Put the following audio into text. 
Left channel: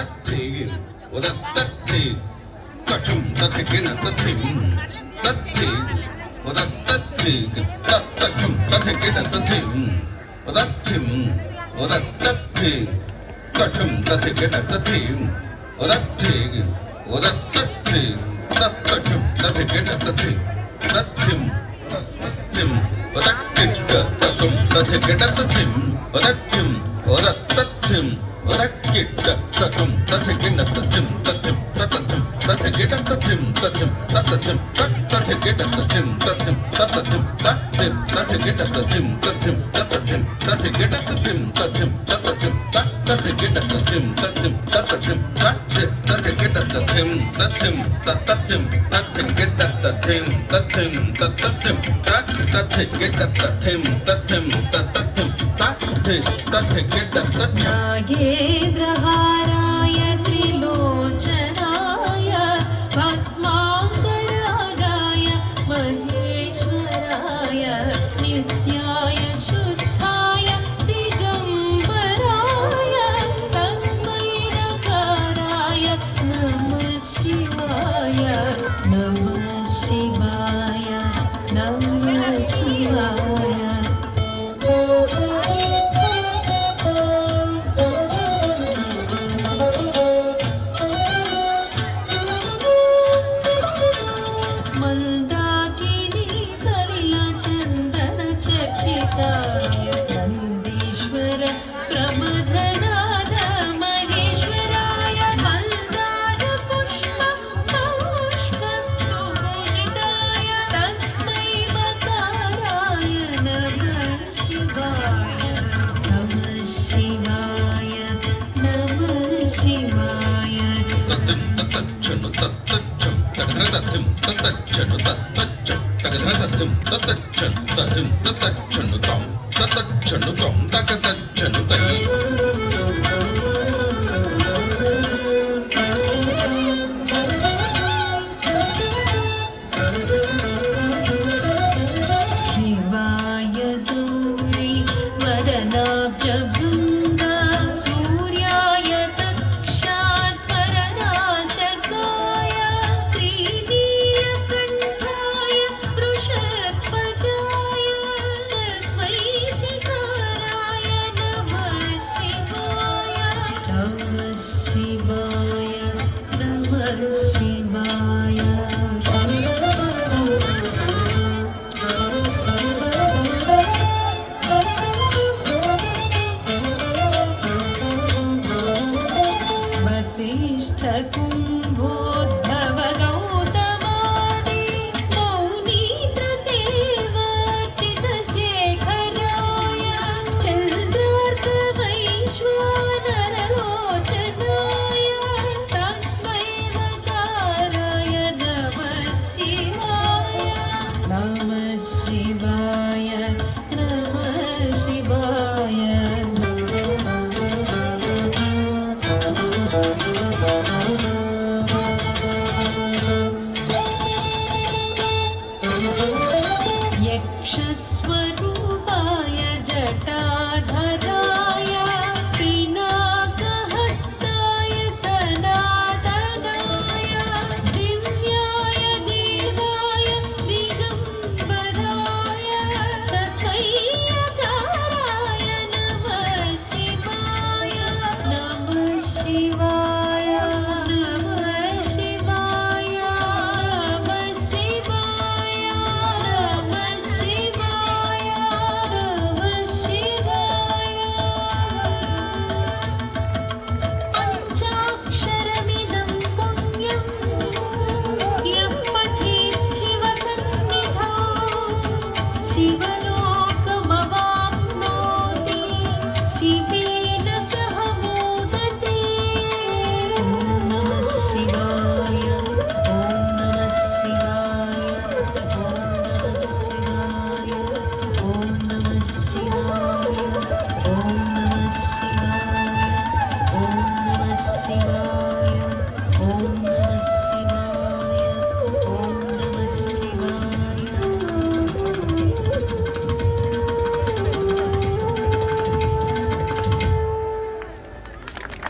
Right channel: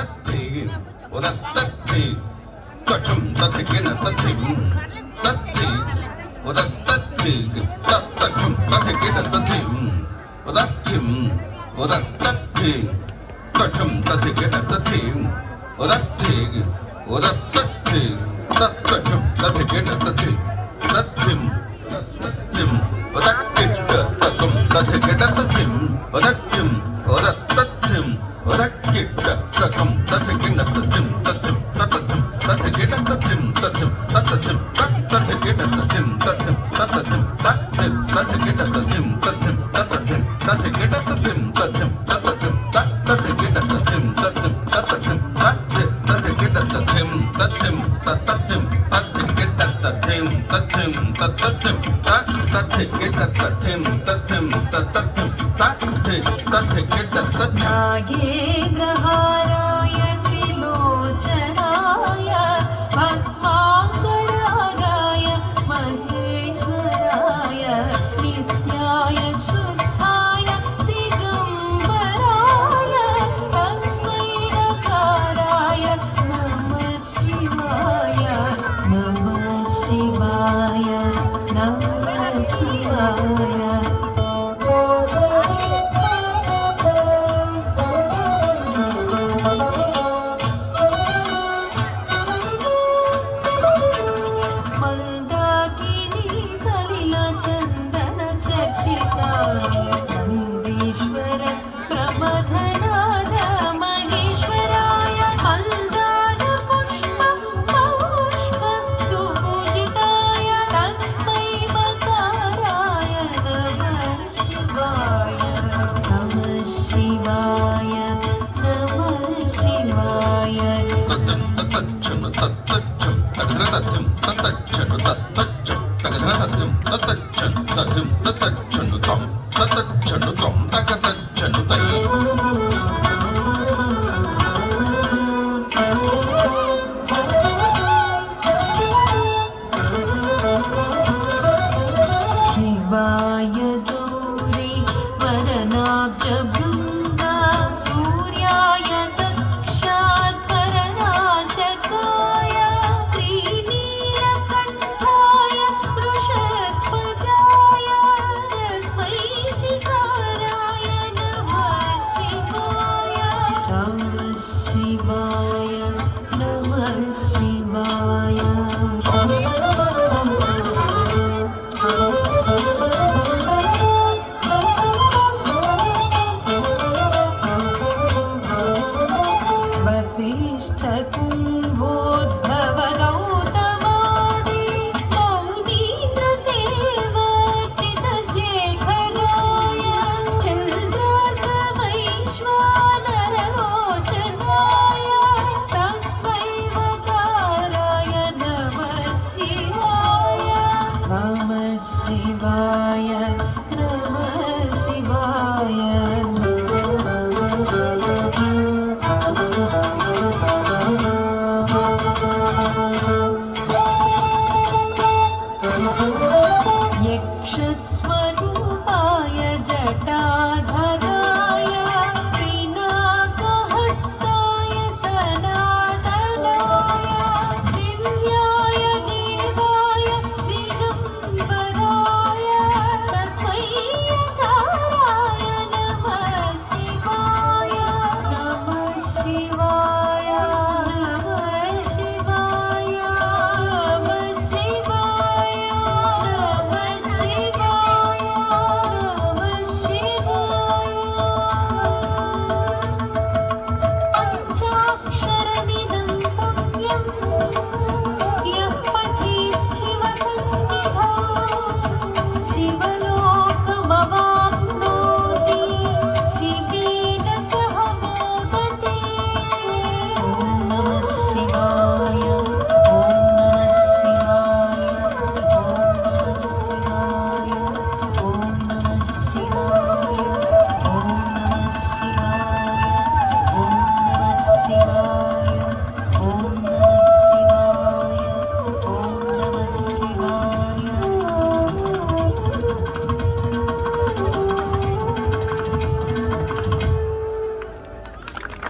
తత్తి ఉదత్తత్తి తచం తతికిన తతిం తత్తి ఉదత్తత్తి తచ్చం తతికిన తతిం ఉదత్తిం ఉదత్తత్తి తచం తతికిన తతిం ఉదత్తి ఉదత్తత్తి తచ్చం తతికిన తతిం తత్తిం తిం ఉదక్కిట తతం తతికిన తతిం ఉదత్తిం ఉదత్తత్తిం ఉదక్కిట తతం తతికిన తతిం తతిం తతతిం తతికిన తతిం తతిం తతతిం తతికిన తతిం తతిం తతతిం తతిం తతికిన తతిం తతిం తతతిం తతికిన తతిం తతిం తతతిం తతికిన తతిం తతిం తతతిం తతికిన తతిం తతిం తతతిం తతికిన తతిం తతిం తతతిం తతికిన తతిం తతిం తతతిం తతికిన తతిం नागेन्द्रहाराय त्रिलोचनाय भस्माङ्गरागाय महेश्वराय नित्याय शुद्धाय दिगम्बराय तस्मै नकाराय नमः शिवाय नमः शिवाय नमः शिवाय शिवाय गौरी वदनाब्जभृङ्गा सूर्याय दक्षात्परनाशकाय श्रीनीलकण्ठाय वृषध्वजाय तस्मै शिखाराय नमः शिवाय नमः शिवाय नमः शिवाय वसिष्ठ कुम्भो